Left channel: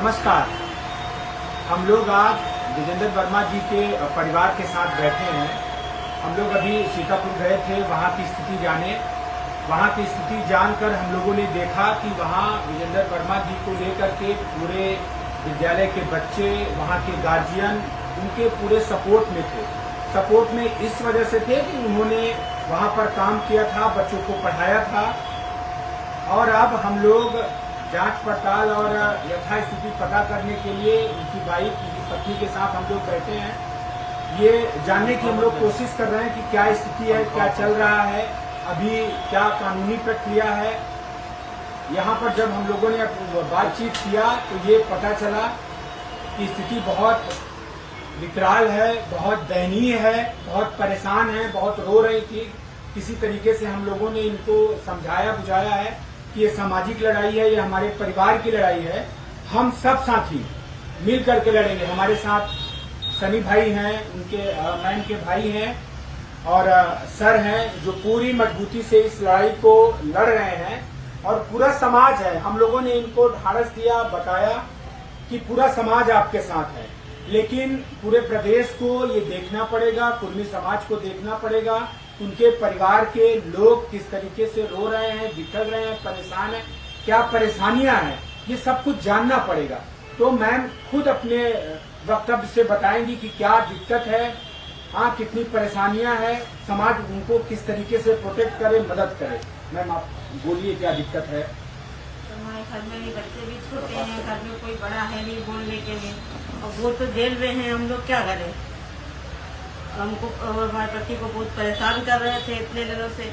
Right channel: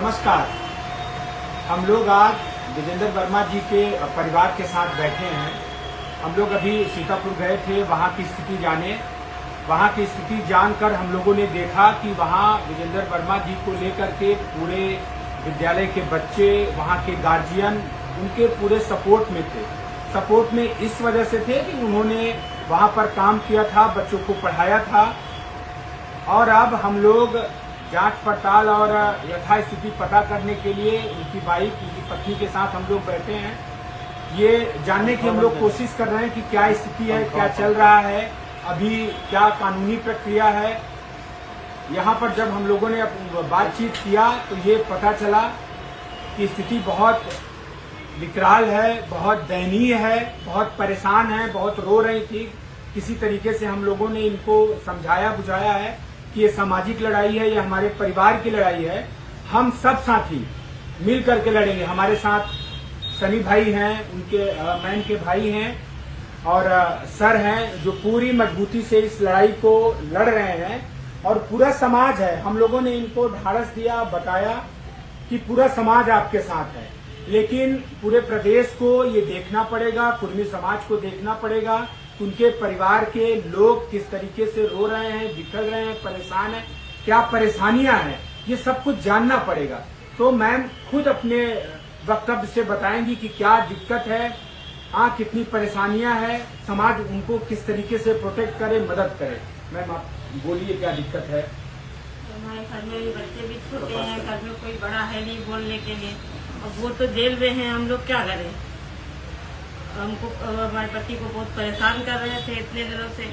नमस्कार। हम लोग आज विजेंद्र वर्मा जी के परिवार के साथ बैठे हैं। हम लोग अभी सीतापुर गए थे वहाँ की स्थिति जाने। वहाँ की स्थिति जानकर हम लोगों ने देखा कि वहाँ विजेंद्र वर्मा जी को लेकर के पूरे विद्यालय के बच्चे, वहाँ के गार्जियन उनके पूरे सपोर्ट में थे। सपोर्ट में इस वजह से थे कि उन्होंने वहाँ पर काम किया था, बच्चों को पढ़ाया था। और अब हम लोग जांच पड़ताल और यथास्थिति पता करने के लिए उनकी वाइफ, उनकी पत्नी के साथ हम लोग बैठे हैं। ये जानने की हम लोग कोशिश कर रहे हैं कि क्या स्थिति है, क्या चल रहा है, अभी क्या कानूनी प्रक्रिया है। यहाँ पर जब हम लोगों ने बातचीत किया तो ये पता चला कि स्थिति बहुत विकराल है, बहुत दयनीय है, बहुत परेशान है, बहुत रो रही थी। किसी तरीके से हम लोगों ने इनको समझाया बुझाया है कि ये सामाजिक लड़ाई है, ये हमारे परिवार की लड़ाई है। हम सब साथी मिल करके लड़ेंगे। हमारे साथ सनी भाई हैं, उनके मैम के भाई हैं और सर हैं जो पूरी मजबूती से इस लड़ाई को लड़ रहे हैं। और पूरा समाज है। हम लोगों ने इनको ढाढ़स दिया, बताया कि पूरा समाज आपके साथ है, लेकिन पूरे प्रदेश को ये देखना पड़ेगा, कुर्मी समाज को देखना पड़ेगा, उनके परिवार के लोग किस तरीके से रो रहे हैं, बिखर रहे हैं, परेशान हैं, क्या परेशानियां हैं, ये सब कुछ जानना पड़ेगा। तो मैम खुद अपने वक्तव्य से बताएंगी कि क्या दिक्कत है, कितनी परेशानियां हैं, समाज उनको किस तरीके से प्रोटेक्ट करे, मदद करे। मैम आप बोलिए क्या दिक्कत है। तो हमारे घर में भी बच्चे भी छोटे हैं, घर में कोई बड़ा है नहीं बोलने के लिए, और वो तो जेल में हैं, हम लोग क्या करें। हमको हमारे पति को बहुत परेशान कर रहे थे, इतने दिनों से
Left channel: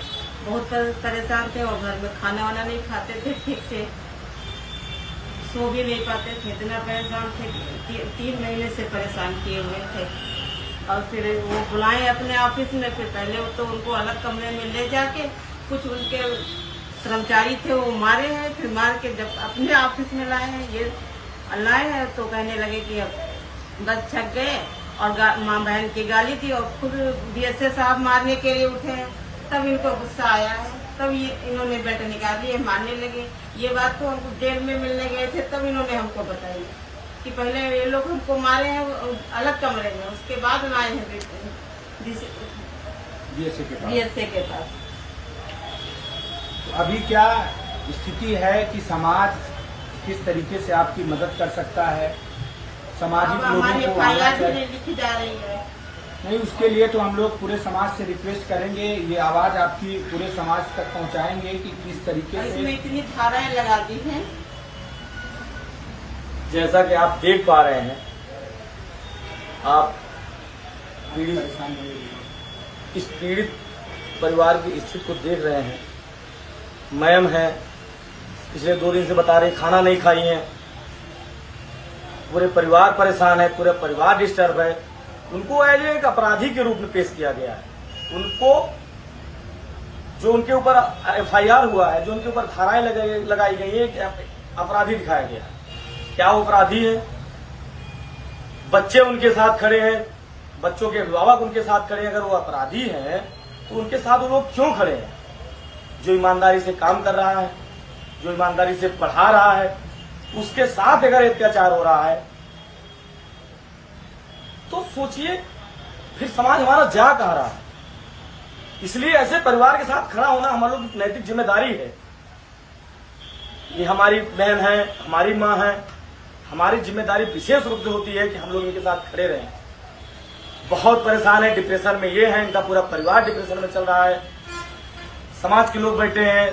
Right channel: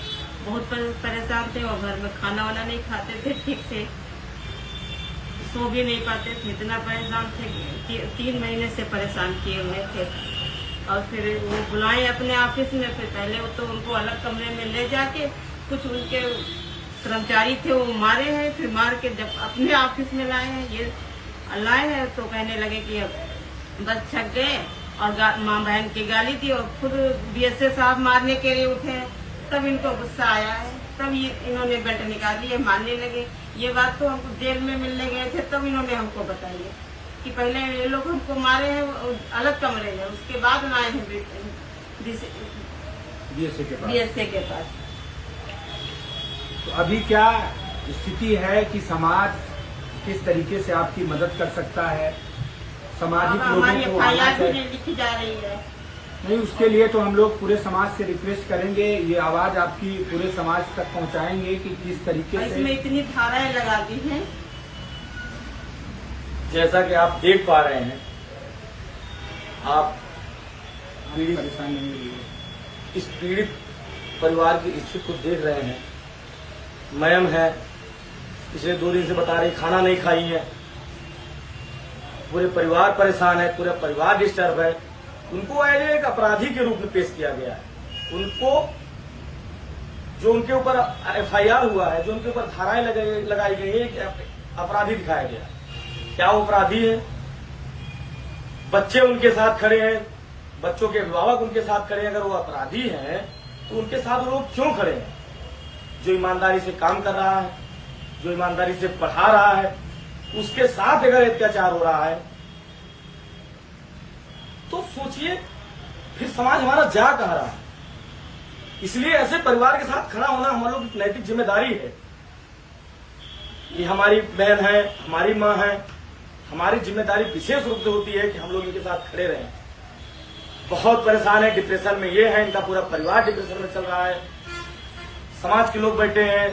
बहुत परेशान थे, और घर में खाना वाना नहीं खाते थे ठीक से, सो भी नहीं पाते थे, इतना परेशान थे कि 3 महीने से परेशान किए हुए थे। और फिर वो बुलाए अपने ऑफिस में, फिर पहले तो उनको अलग कमरे में ले जाके कुछ उनके कर्मचारी थे वो मारे हैं, फिर मार के जब अपने ऑफिस में लाए हैं, ये लाए हैं तो कहने लगे कि अब बस छक गए, और माँ बहन की गाली दी, और खुद बीएसए साहब मारने के लिए उठे हैं। तब इनको गुस्सा आया है, तब इन्होंने बेल्ट निकाली है, मारने लगे। ये बात तो हमको जेल में मिलने गए थे तब इन्होंने हमको बताई है कि पहले ये लोग हमको मारे हैं अलग कमरे में, उसके बाद लाए हैं बीएसए के पास। तो अभी क्या स्थिति है कि समाज किस तरीके से आपकी मदद कर सकता है, सामाजिक हमारी लोगों को एफआईआर भी लिखी जा रही है। नहीं, उसके लिए तो हम लोग पूरे समाज से रिक्वेस्ट करेंगे, ये आवाज आपकी पूरे समाज तक पहुंचाएंगे कि किस तरीके से इसमें इतनी धाराएं लगा दी हैं। जैसा कि आप देख पा रहे हैं, आप इस पीड़ित परिवार की स्थिति को देख रहे हैं। मैम है, पिछले 2 दिन से बता रही खाना नहीं खाई है, पूरे परिवार परेशान है, पूरा परिवार डिस्टर्ब है। उनको एज एक अपराधी के रूप में पेश किया गया है। उनको जो उनके ऊपर एफआईआर हुआ है, जो उनके ऊपर धाराएं लगाई गई है, अपराधी दिखाया गया है। क्या वो अपराधी है? बच्चे उनके साथ खड़े हैं, बच्चों के अभिभावक उनके साथ खड़े हैं। अगर वो अपराधी हैं तो उनके साथ वो लोग क्यों खड़े हैं? जो ईमानदारी से काम कर रहा है, जो ईमानदारी से पढ़ा रहा है, उसके साथ अगर अत्याचार हो रहा है तो सोचिए फिर समाज हमारा जा कहां रहा है। इसलिए ऐसे परिवार के साथ खड़ा होना हमारे लोग की नैतिक जिम्मेदारी है। ये हमारी बहन है, हमारी मां है, हमारी जिम्मेदारी विशेष रूप से होती है कि हम लोग इनके साथ खड़े रहें। बहुत परेशान है, डिप्रेशन में ये है, इनका पूरा परिवार डिप्रेशन में चल रहा है। समाज के लोग बैठे हैं,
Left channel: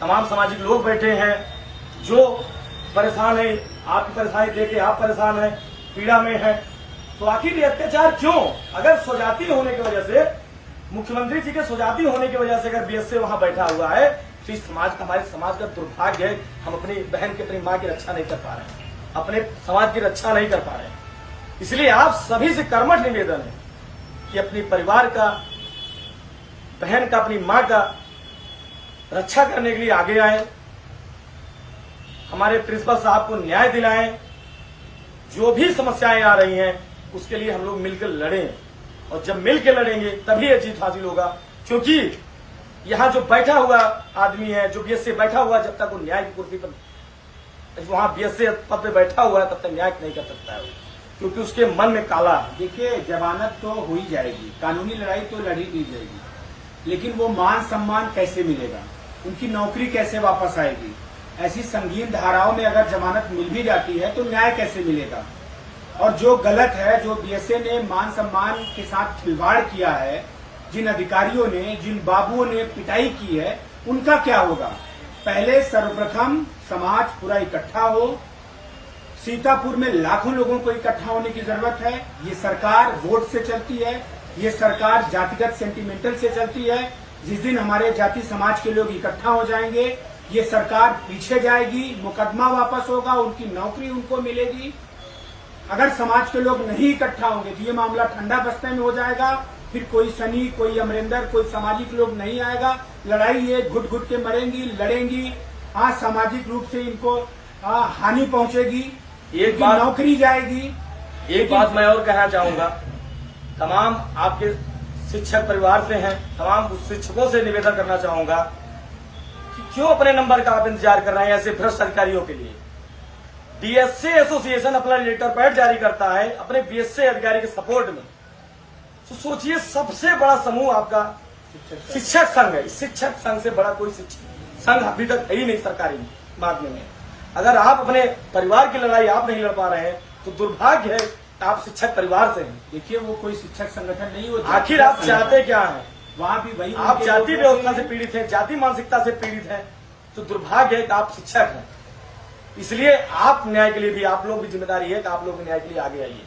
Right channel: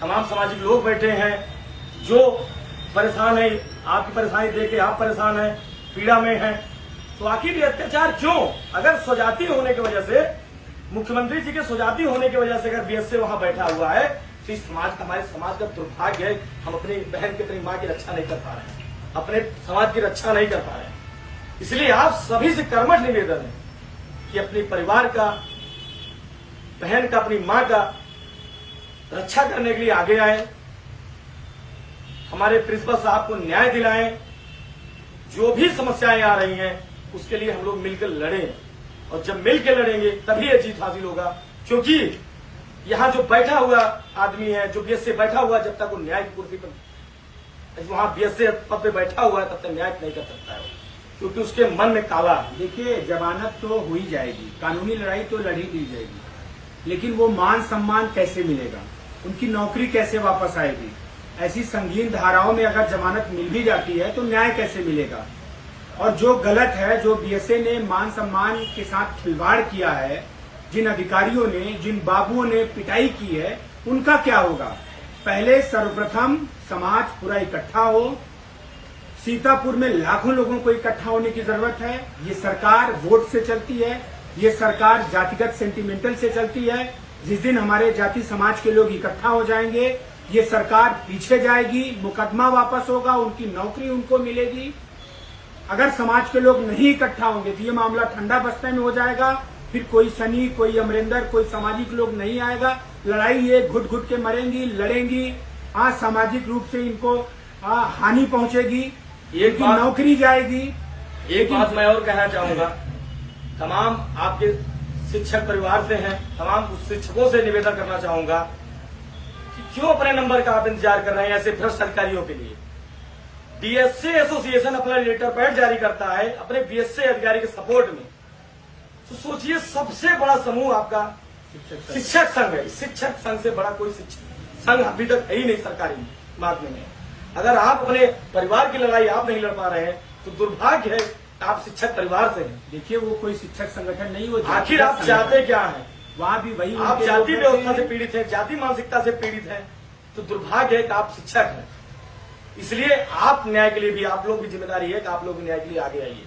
तमाम सामाजिक लोग बैठे हैं जो परेशान है। आपकी परेशानी देख के आप परेशान हैं, पीड़ा में हैं। तो आखिर ये अत्याचार क्यों? अगर स्वजाति होने की वजह से, मुख्यमंत्री जी के स्वजाति होने की वजह से अगर बीएसए वहां बैठा हुआ है तो इस समाज का, हमारे समाज का दुर्भाग्य है। हम अपनी बहन की, अपनी मां की रक्षा नहीं कर पा रहे, अपने समाज की रक्षा नहीं कर पा रहे। इसलिए आप सभी से कर्मठ निवेदन है कि अपनी परिवार का, बहन का, अपनी मां का रक्षा करने के लिए आगे आए। हमारे प्रिंसिपल साहब को न्याय दिलाएं। जो भी समस्याएं आ रही हैं उसके लिए हम लोग मिलकर लड़ें, और जब मिलकर लड़ेंगे तभी ये जीत हासिल होगा। क्योंकि यहाँ जो बैठा हुआ आदमी है, जो बीएसए बैठा हुआ, जब तक वो न्याय की कुर्सी पर वहाँ बीएसए पद पे बैठा हुआ है तब तक न्याय नहीं कर सकता है, क्योंकि उसके मन में काला है। देखिए, जमानत तो हो ही जाएगी, कानूनी लड़ाई तो लड़ी दी जाएगी, लेकिन वो मान सम्मान कैसे मिलेगा, उनकी नौकरी कैसे वापस आएगी? ऐसी संगीन धाराओं में अगर जमानत मिल भी जाती है तो न्याय कैसे मिलेगा? और जो गलत है, जो बीएसए ने मान सम्मान के साथ खिलवाड़ किया है, जिन अधिकारियों ने, जिन बाबुओं ने पिटाई की है, उनका क्या होगा? पहले सर्वप्रथम समाज पूरा इकट्ठा हो। सीतापुर में लाखों लोगों को इकट्ठा होने की जरूरत है। ये सरकार वोट से चलती है, ये सरकार जातिगत सेंटिमेंटल से चलती है। जिस दिन हमारे जाति समाज के लोग इकट्ठा हो जाएंगे, ये सरकार पीछे जाएगी, मुकदमा वापस होगा, उनकी नौकरी उनको मिलेगी। अगर समाज के लोग नहीं इकट्ठा होंगे तो ये मामला ठंडा बस्ते में हो जाएगा। फिर कोई सनी, कोई अमरिंदर, कोई सामाजिक लोग नहीं आएगा। लड़ाई ये घुट घुट के मरेंगी, लड़ेंगी। हाँ, सामाजिक रूप से इनको हानि पहुंचेगी, एक नौकरी जाएगी। एक बात मैं और कहना चाहूंगा, तमाम आपके शिक्षक परिवार से हैं, तमाम शिक्षकों से निवेदन करना चाहूंगा कि क्यों अपने नंबर का आप इंतजार कर रहे हैं ऐसे भ्रष्ट अधिकारियों के लिए। बीएसए एसोसिएशन अपना लेटर पैड जारी करता है अपने बीएसए अधिकारी के सपोर्ट में, तो सोचिए सबसे बड़ा समूह आपका शिक्षक संघ है। शिक्षक संघ से बड़ा कोई शिक्षक संघ अभी तक है ही नहीं सरकारी माध्यम में। अगर आप अपने परिवार की लड़ाई आप नहीं लड़ पा रहे हैं तो दुर्भाग्य है, आप शिक्षक परिवार से हैं। देखिए, वो कोई शिक्षक संगठन नहीं, वो आखिर आप चाहते क्या है? वहाँ भी वही, आप जाति व्यवस्था से पीड़ित हैं, जाति मानसिकता से पीड़ित हैं, तो दुर्भाग्य है कि आप शिक्षक हैं। इसलिए आप न्याय के लिए भी, आप लोग भी जिम्मेदारी है कि आप लोग न्याय के लिए आगे आइए,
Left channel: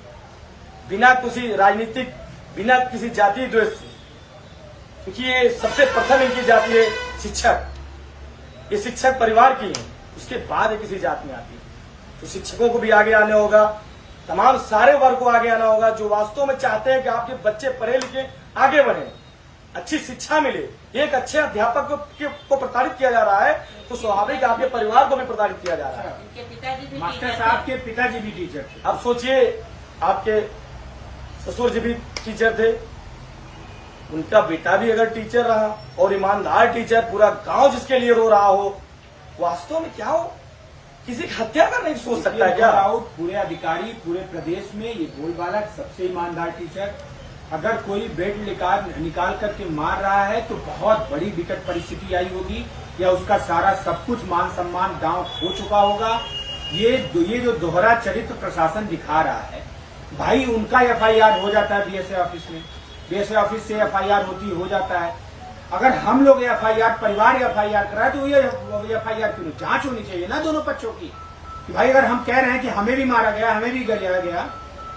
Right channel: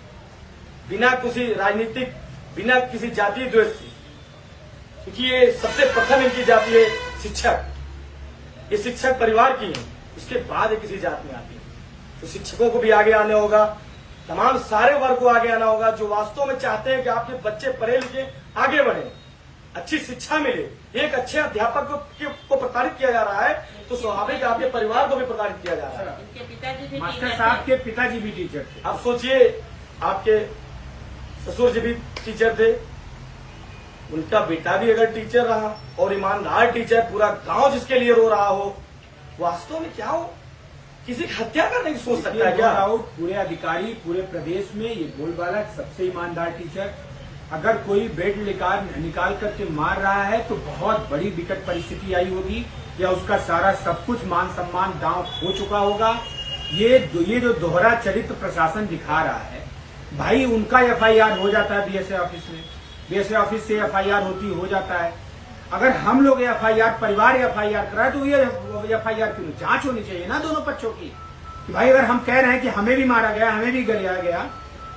बिना किसी राजनीतिक, बिना किसी जातीय द्वेष से, क्योंकि ये सबसे प्रथम इनकी जाति है शिक्षक। ये शिक्षक परिवार की है, उसके बाद किसी जात में आती है। तो शिक्षकों को भी आगे आना होगा, तमाम सारे वर्ग को आगे आना होगा जो वास्तव में चाहते हैं कि आपके बच्चे पढ़े लिखे आगे बढ़े, अच्छी शिक्षा मिले। एक अच्छे अध्यापक को प्रताड़ित किया जा रहा है तो स्वाभाविक आपके परिवार को भी प्रताड़ित किया जा रहा है। इनके पिताजी भी मास्टर टीचर साहब थे। के पिताजी भी टीचर थे। अब सोचिए, आपके ससुर जी भी टीचर थे, उनका बेटा भी अगर टीचर रहा और ईमानदार टीचर, पूरा गांव जिसके लिए रो रहा हो, वास्तव में क्या हो? किसी की हत्या का नहीं सोच सकता है क्या? पूरे अधिकारी, पूरे प्रदेश में ये बोलबाला सबसे ईमानदार टीचर, अगर कोई बेड निकाल करके मार रहा है तो बहुत बड़ी विकट परिस्थिति आई होगी, या उसका सारा सब कुछ मान सम्मान दांव हो चुका होगा। ये जो दोहरा चरित्र प्रशासन दिखा रहा है, भाई उनका एफआईआर हो जाता है बीएसए ऑफिस में, बीएसए ऑफिस से एफआईआर हो जाता है। अगर हम लोग एफआईआर, परिवार एफआईआर कराए तो ये एफआईआर क्यों? जांच होनी चाहिए ना दोनों पक्षों की। कि भाई अगर हम कह रहे हैं कि हमें भी मारा गया, हमें भी गरियाया गया,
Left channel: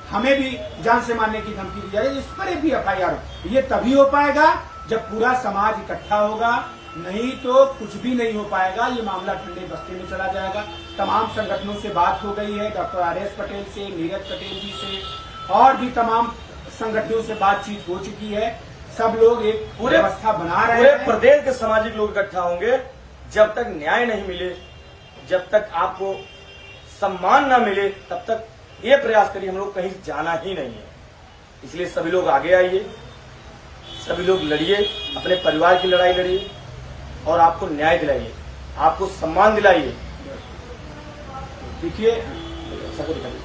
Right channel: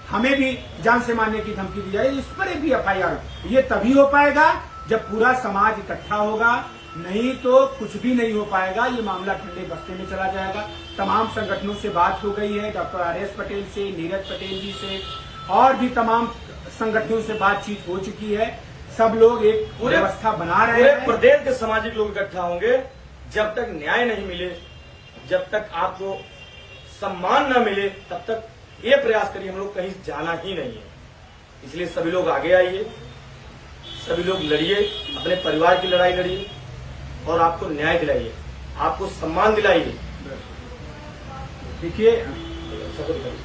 हमें भी जान से मारने की धमकी दी जाए, इस पर भी एफआईआर हो। ये तभी हो पाएगा जब पूरा समाज इकट्ठा होगा, नहीं तो कुछ भी नहीं हो पाएगा। ये मामला ठंडे बस्ते में चला जाएगा। तमाम संगठनों से बात हो गई है, डॉक्टर आर.एस. पटेल से, नीरज पटेल जी से, और भी तमाम संगठनों से बातचीत हो चुकी है। सब लोग एक व्यवस्था बना रहे हैं। प्रदेश के सामाजिक लोग इकट्ठा होंगे। जब तक न्याय नहीं मिले, जब तक आपको सम्मान न मिले, तब तक ये प्रयास करिए, हम लोग कहीं जाना ही नहीं है। इसलिए सभी लोग आगे आइए, सभी लोग लड़िए, अपने परिवार की लड़ाई लड़िए और आपको न्याय दिलाइए, आपको सम्मान दिलाइए। देखिए, सपोर्ट करिए।